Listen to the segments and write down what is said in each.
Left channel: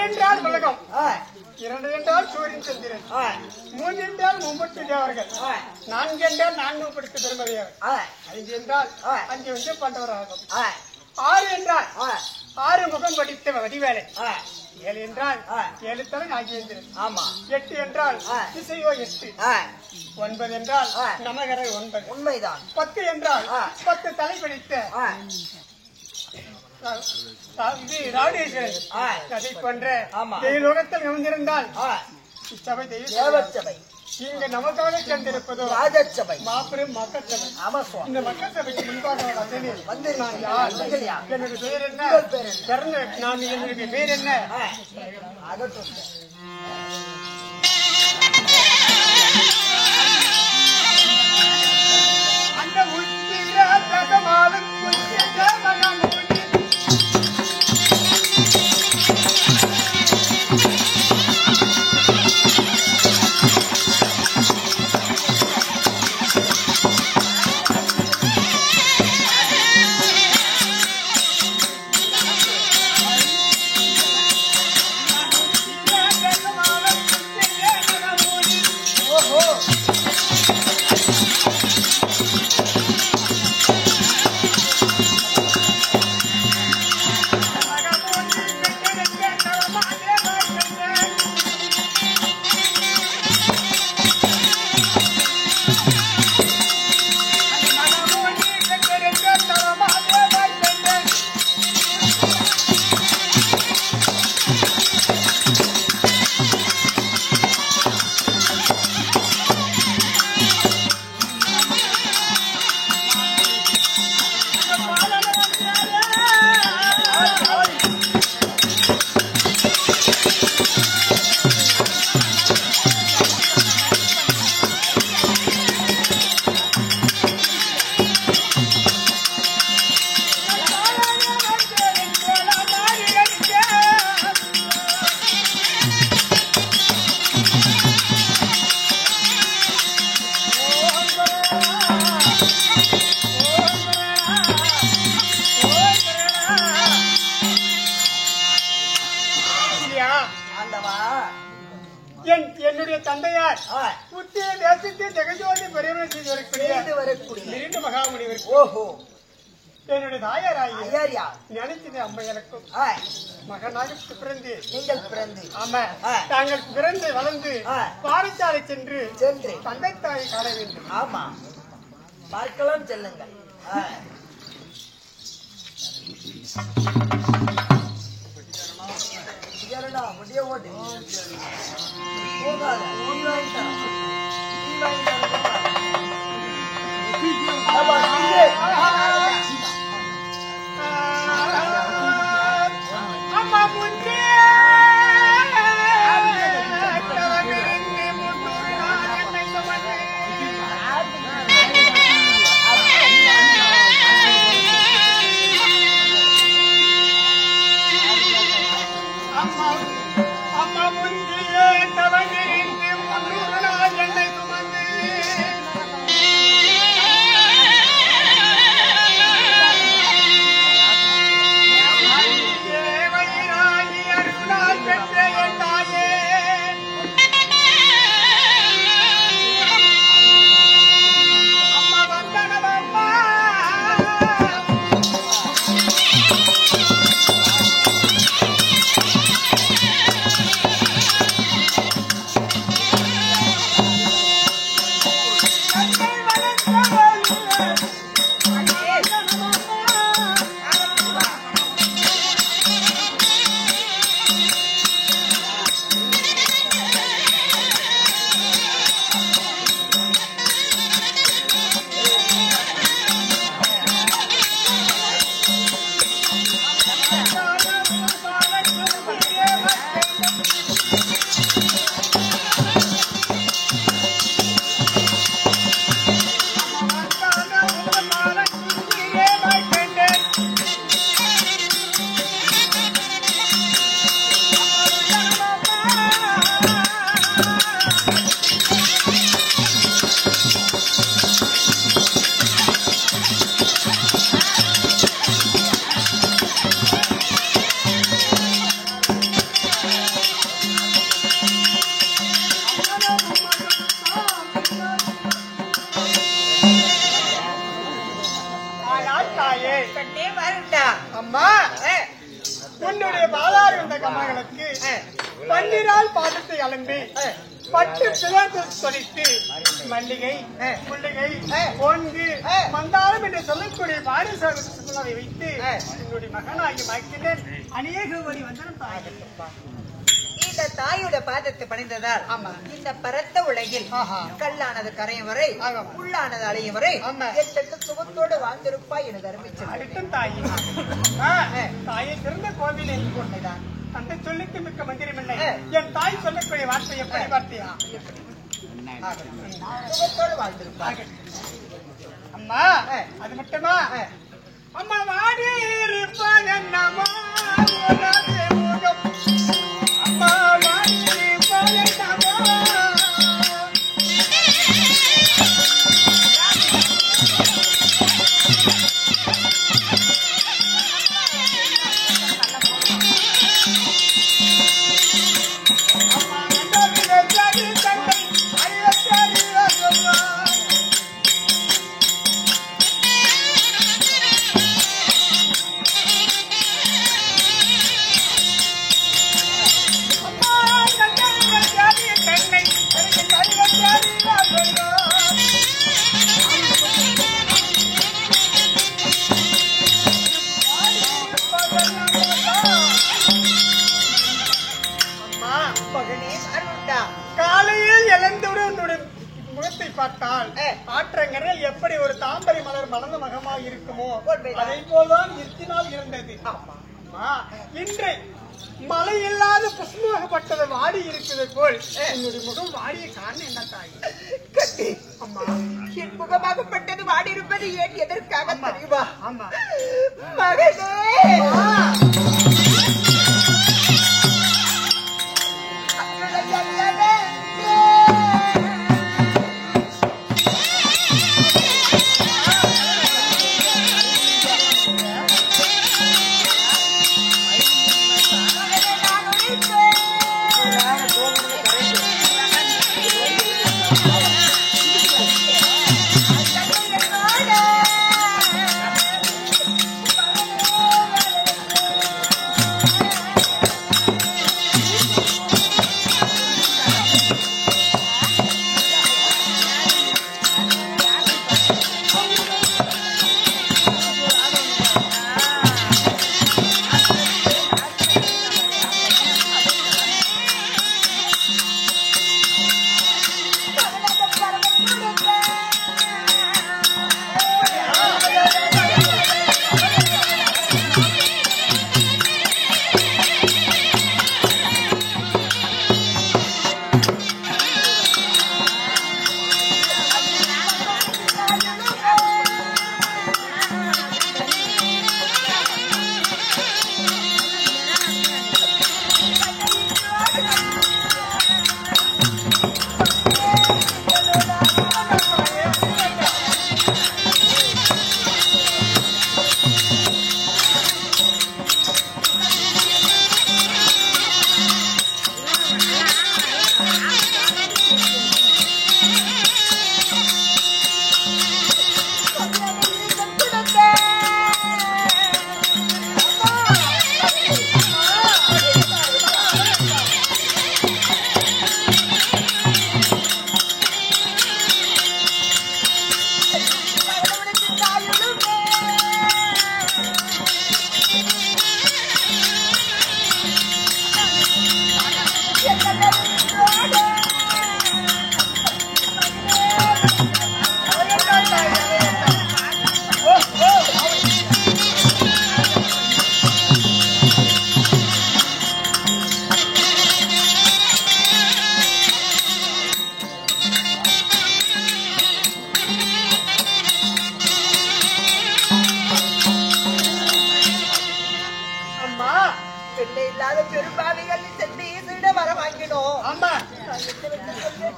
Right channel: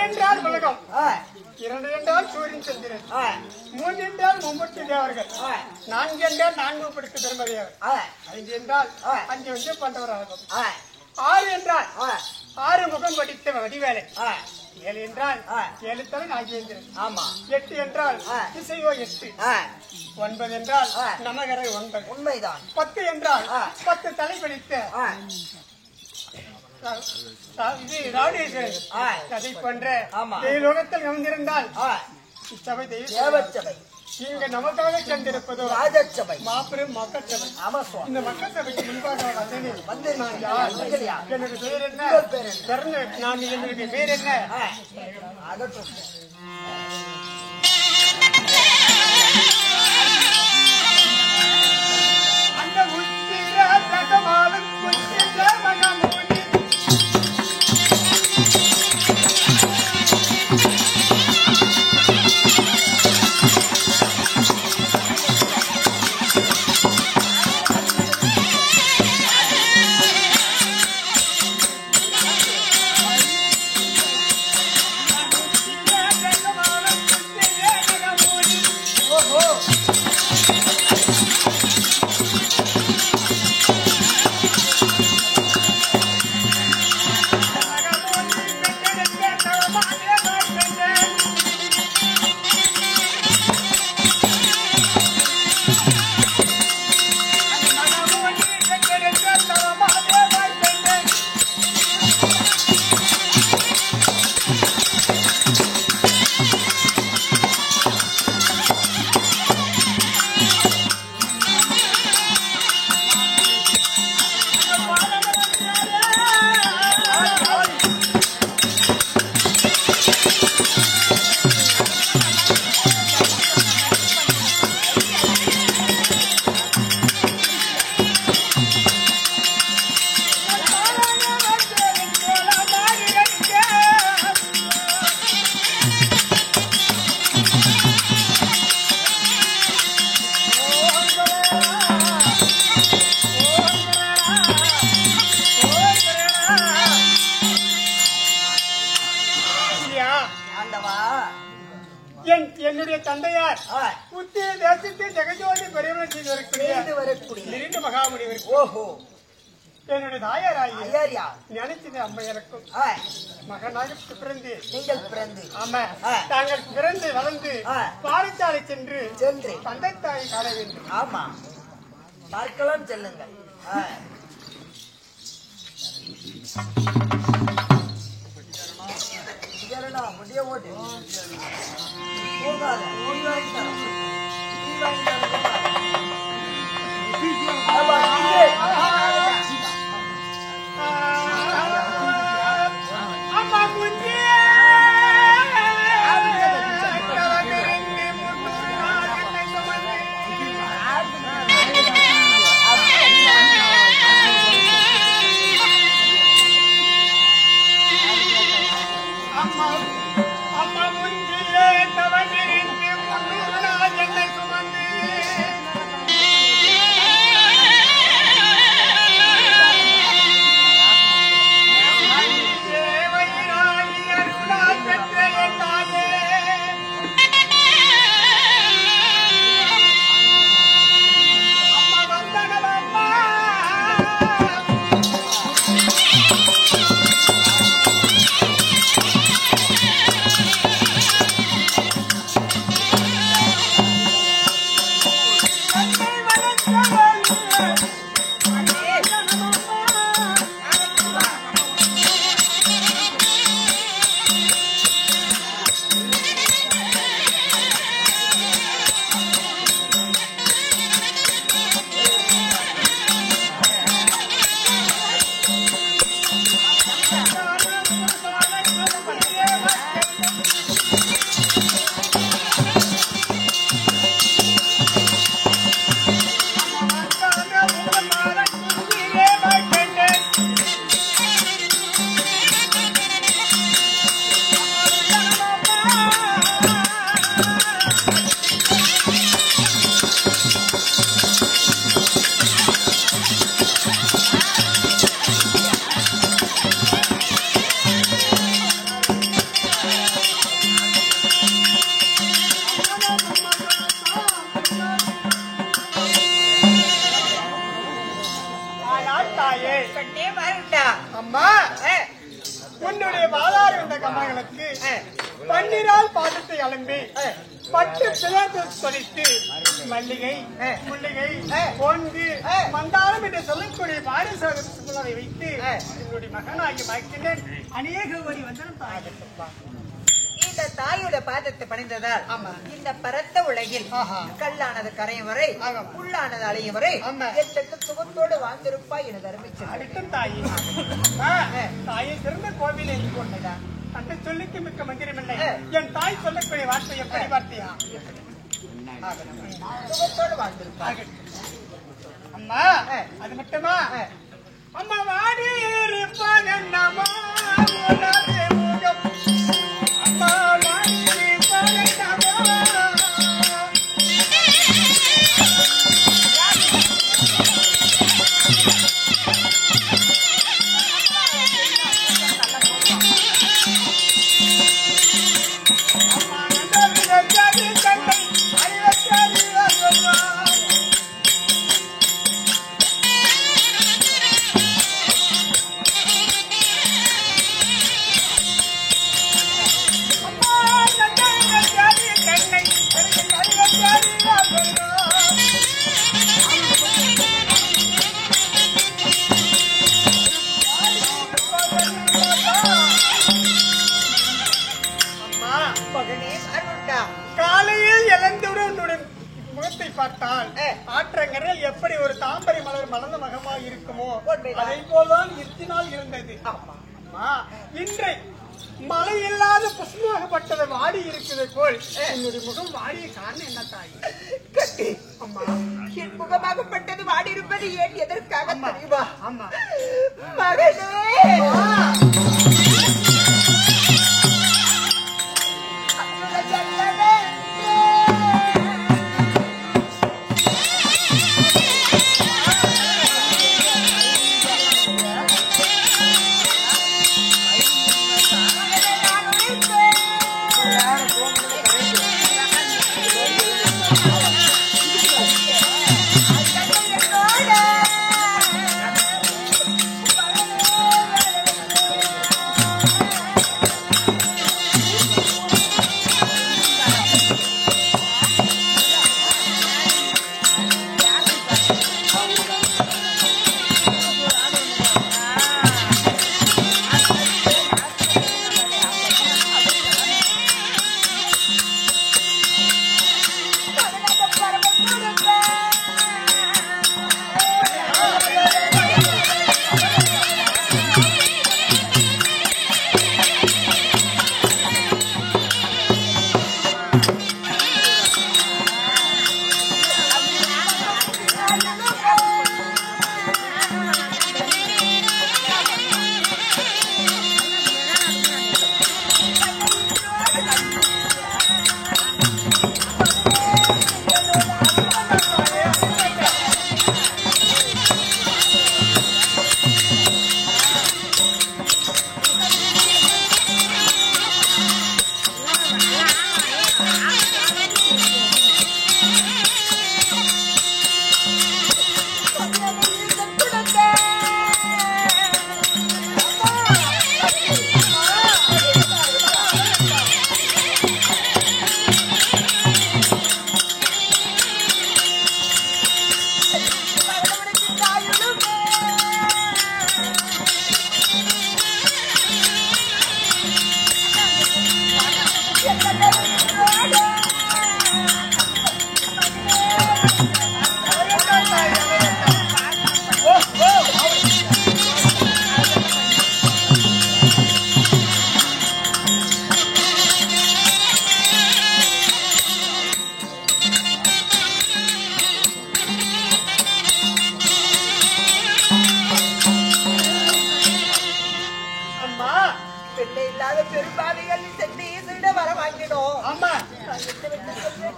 ஒன்றென்றால் உலகம், இரண்டு என்றால் சூரியன் சந்திரன், மூன்று என்றால் மும்மூர்த்தி தேவர்கள், நான்கு என்றால் நான்கு படித்த பெருமதியார், ஐந்து என்றால் அஞ்சு வந்து பண்டவராகும், ஆறு என்றால் ஆறு முகம் படித்த வடிவேலை, ஏழு என்றால் ஏழு தலை நாகேந்திரன், எட்டு என்றால் திசையோ எட்டு, ஒன்பது என்றால் நமகரை ஒன்பது, உண்மைதான். 10 என்றால் 10 தலை படித்த இது ராடேஸ்வரன். அதை போன்ற தெய்வலோகத்தில் அமைந்திருந்தால் இச்சபை தெய்வ இங்க நமக்காக சென்றிருப்பதோ ராஜசபை, மாபெரும் மக்கள் சபை. இந்த மக்கள் சபைக்கு முன்பாக வந்து நான் யார், என்னுடைய பேர் என்ன, நான் என்னுடைய பேர் என்ன, அந்த உச்சிர பிரதமாலும் உச்சிர மகமூனி என்னுடைய தந்தையார் புத்திய தேசத்தை ஜெகஜோதி பெரியவர் செய்து வரக்கூடிய மகாமுனிவர். ஓஹோ, என்னுடைய தாயார் ஞானத்தின் அம்மையருக்கும் மகனாக பிறந்து நீங்கள் பிறந்து, ஆமா, தாங்கள் பிறந்து வளர்ந்து பாடசாலை சென்று தந்தை தாயை காண வேண்டும். ஆமா, பார்க்கலாம், செல்லுங்கள். முடிய ஓட்டு போகாத அம்மா முன்னே அம்மா முந்தியே தவறிருந்து 300 நாள் என்னை சுமந்து தேவையினாகி அருளால் பெற்ற என் தாயே, அம்மா வந்தனவம்மா அம்மா உன்னுடைய பாதாரி வந்த கமலங்களுக்கு பன்னிரால் பாதத்தை அலம்பி 10 பிளர்கள் சொலித்து மல்லிகை முல்லிகை பொங்கு மந்தாரம் என்று சொல்லக்கூடிய பாரிசாலை வைத்து உன்னுடைய மகனாகி மகிழ்ந்தேன் அநேக கோடி வந்தனம் தாயகப்பா. இந்த தாயோட பாதத்தை பணிந்ததால் இந்த பரந்த உலகில் கல்லானது கரையும் வரை உள்ளானது அலையும் வரை எத்தெட்டு சுகத்தோடு வாழ்ந்திருப்பாய் எனது அருமை அடுத்தும் தாயே தாயை சிறந்த கோவில் என்று கொண்டதான் தந்தை சொல்லிக்கு மிக்க மந்திரமில்லை. என் தாய் சொல்லக்கூடிய வார்த்தை எப்படி வார்த்தையா எப்படி சுகத்தோடு வாழ்ந்திருப்பாய் அம்மா. அது மட்டுமா அம்மா வாடி இருப்பான் என்னமா முகம் அம்மா வாடி இருப்பான் என்னமா காலையில் இழந்தவுடன் முகத்தை பார்த்தால் ஆற்றங்கரையில் எப்படி ஒரு தாம்பரை மலர் மலர்ந்த மகமாக இருக்குமோ அதை போல்தான் இத்தினால் இருந்தது. இன்று மழை இல்லாத புஷ்பமாகப்பட்டது வாடி இருக்கிறது போல் என்னுடைய முகம் வாடிய காரணம் என்ன தாய்? கட்டி அம்மா என் முகமாகப்பட்டது வாடி இருப்பது ஏன் எதற்காக தெரியுமா? ஆமா மகனே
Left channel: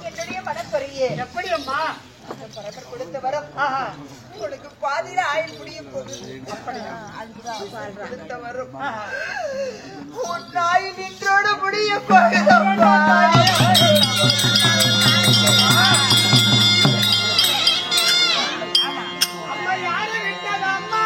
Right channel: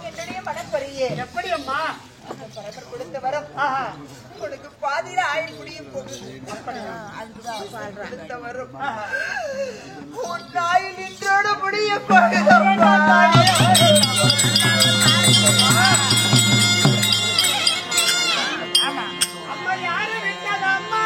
என்னுடைய மனப்பரியே எப்படி அம்மா பரம்பர் கொடுத்த வரம் உனக்கு பாதியில ஆயுள் முடியும் போகுது. அப்படியா கொடுத்த வரம் உன் ஆயுள் இன்றோடு முடிய போகுதம்மா. அம்மா யாரு விட்டதம்மா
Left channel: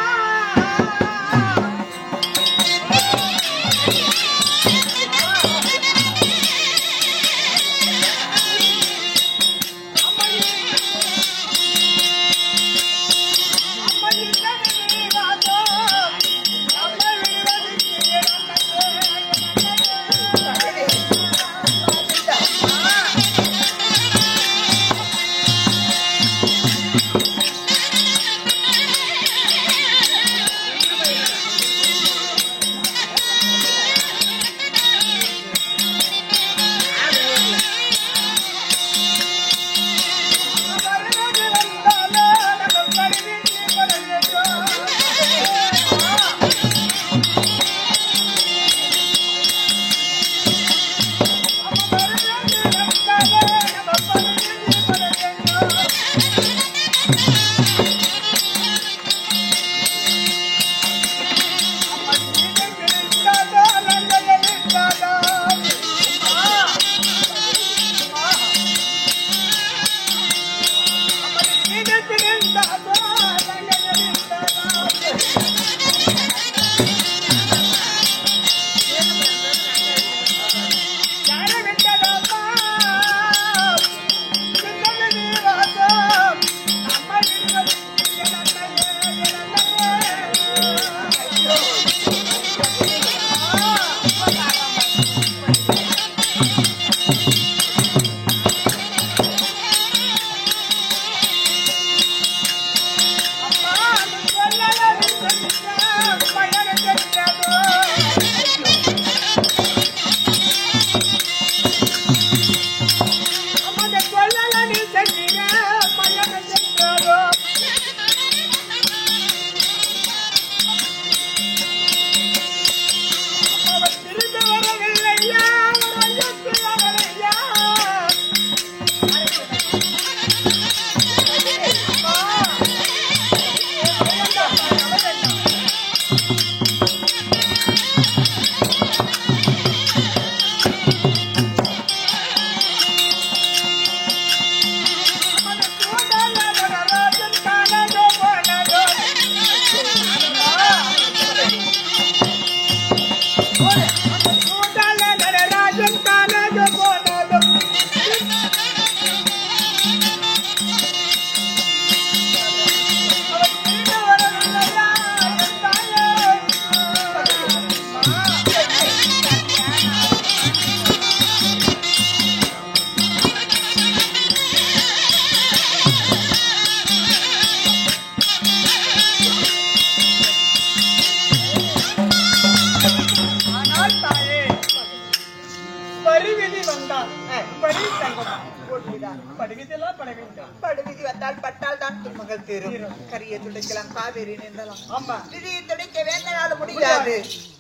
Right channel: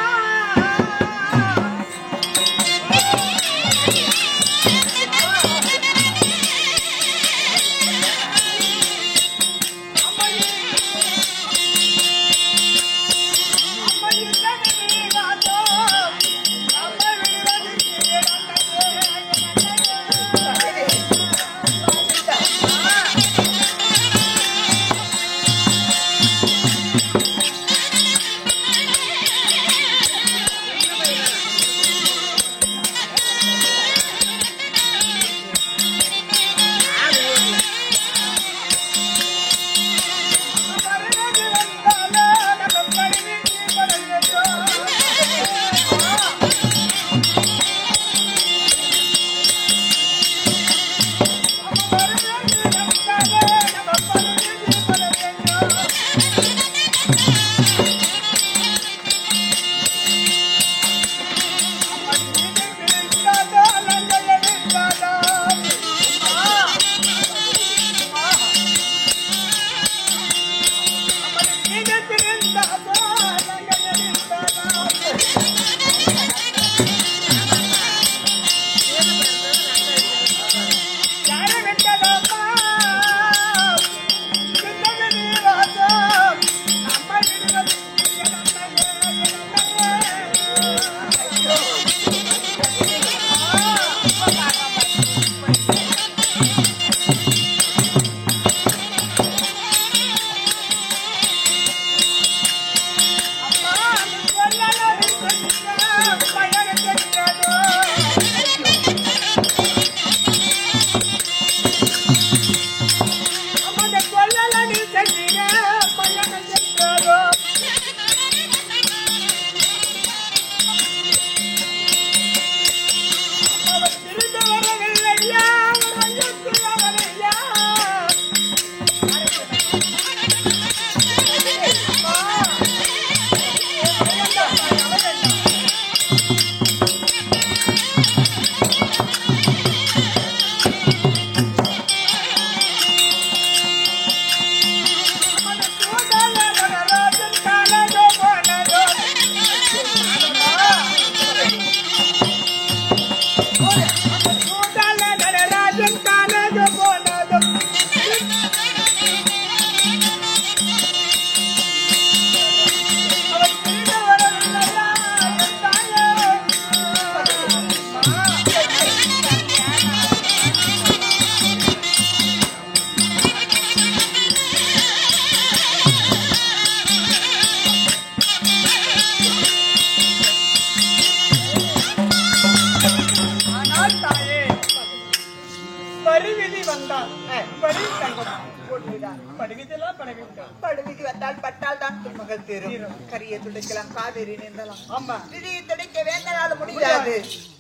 போட்டுவிடார். படுவிதெல்லாம் பட வேண்டும். படுவிதி வந்தால் பட்டால் தான் துன்பங்கள் தீரும். கரியை துடைக்கலாம், காவேரி நீந்தலாம். ஆமா, விதியை துடைக்க வேந்தனால முடியாது.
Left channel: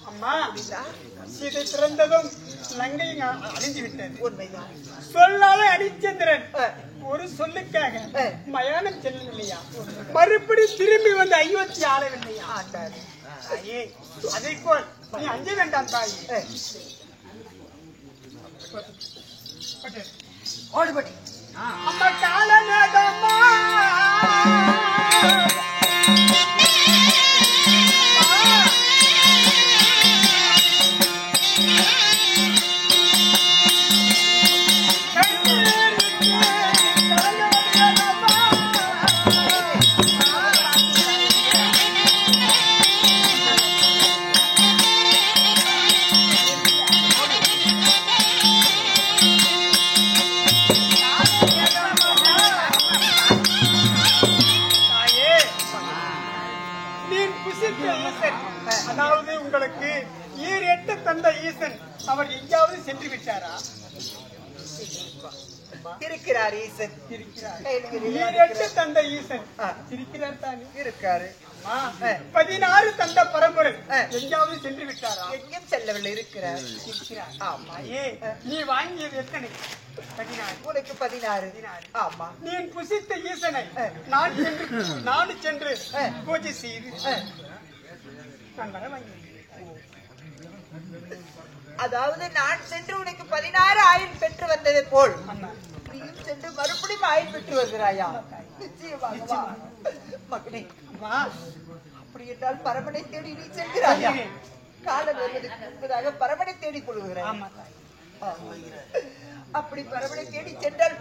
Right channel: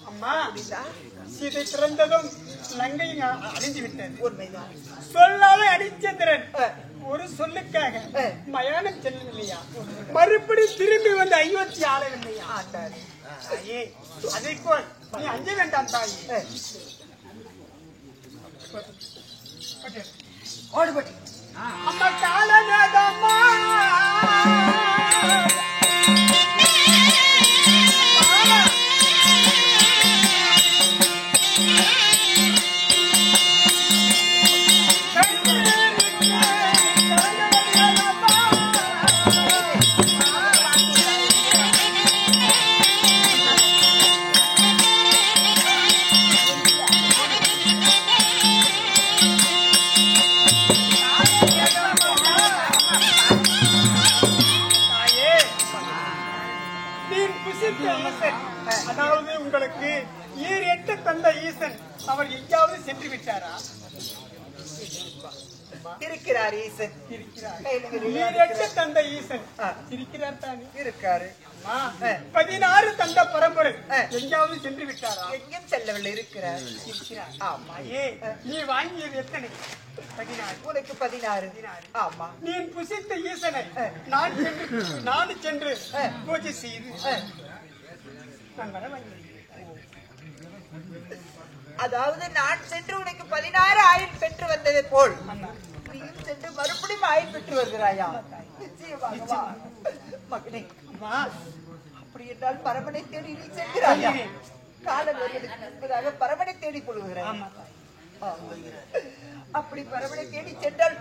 அம்மா, புரியுதா? சீதை பிறந்ததும் லங்கை அழிந்து விட்டது. உண்மைதான். சொல்லாலே அரிச்சந்திரன் ஒரு சொல்லுக்காக மயானம் செல்லவில்லையா? மறுபடி திரும்பி வந்து அயோத்தி ஆளவில்லையா? ஆண்டாரு. தாயே, அதை போல் நீ அஞ்ச வேண்டாம் தாயே. ஓடுபடி அம்மா காலநாதம்மா, அதாவது உங்களுக்கு ஈரெட்டு தந்த ஈசன் அவர் எங்காவது சென்று விட்டாரா? இருக்கிறார் ஈசன். ஈரெட்டு தந்த ஈசன் இருக்கிறார் தானே? இருக்காரு. 16 தந்த பரம்பரை எங்காவது சென்று விட்டாரா? எங்கேயும் செல்லவில்லை. இருக்கிறார். ஆமாயே, நீ வாங்கியது எத்தனை? 16. உனக்கு 16. ஆமா. நீ புசித்த ஈசனை நான் சென்று பூஜை செய்து நான் வர வாங்கி. அதாவது நான் சென்று உனக்கு 16 ஆயில் பெற்று வந்ததை போல் நீயும் சென்று மறுபடியும் ஆயில் பெற்று வருகிறாயா? நிச்சயமாக மகனே. அப்படி என்றால் பரமனை தேடி நீ செல்கிறாயா? காலன் வருவதற்கு முன்பதாக பரமனை தேடி கொள்கிறாய். அப்படி பரமனை தேடி சென்றால்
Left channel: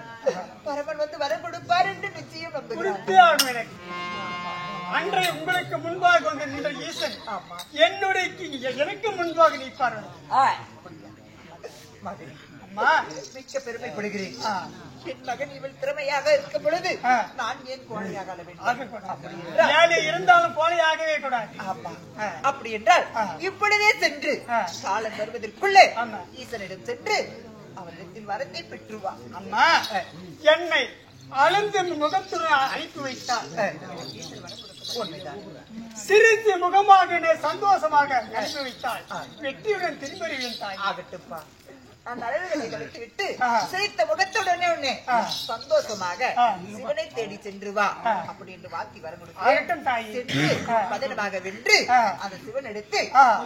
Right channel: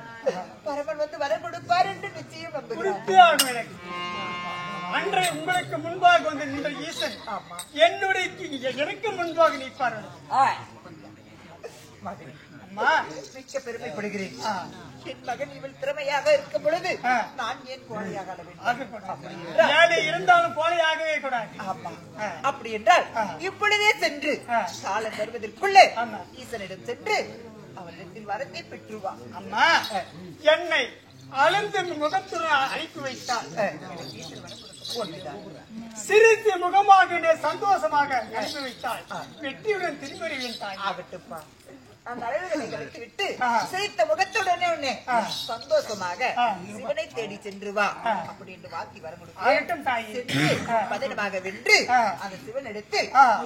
பரமன் வந்து வர கொடுப்பார் என்று நிச்சயம் நம்புகிறேன். அன்றைய உங்களுக்கு முன்பாக வந்து நின்ற ஈசன் என்னுடைய எனக்கு முன்பாக நிற்பார். அம்மா, மிக்க பெருமைப்படுகிறேன். என் மகன் இவள் திறமையாக இருக்கும் பொழுது நான் ஏன் கோழையாக இருந்தாலும் கோழையாகவே கூடாது. அப்படி என்றால் இப்பொழுதே சென்று காலம் வருவதற்குள்ளே ஈசனிடம் சென்று அவரிடத்தில் வரத்தை பெற்றுவா. அம்மா, என்னை அழுந்த முகத்துடன் அனுப்பி வைத்தால் சிரித்து முகமாக சந்தோஷமாக அனுப்பி வைத்தால் வெற்றியுடன் திரும்புகிறேன் தாய். ஆகட்டுப்பா. அந்த அழகுகளை கலைத்து விட்டு சிரித்த முகத்துடனே உடனே சந்தோஷமாக சிவனை தேடி சென்று வா அப்படி என்று வாழ்த்தி வர முடியும். சென்று பதனமாக வென்று அந்த சிவன் எடுத்து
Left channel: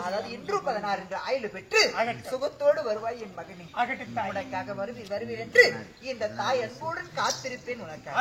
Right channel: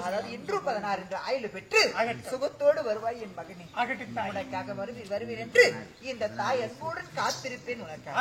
அதாவது இன்று 16 என்று ஆயுள் பெற்று சுகத்தோடு வருவாய் என் மகனே. உனக்காக வருவீர் என்று இந்த தாய் அன்புடன் காத்திருப்பேன். உனக்காக.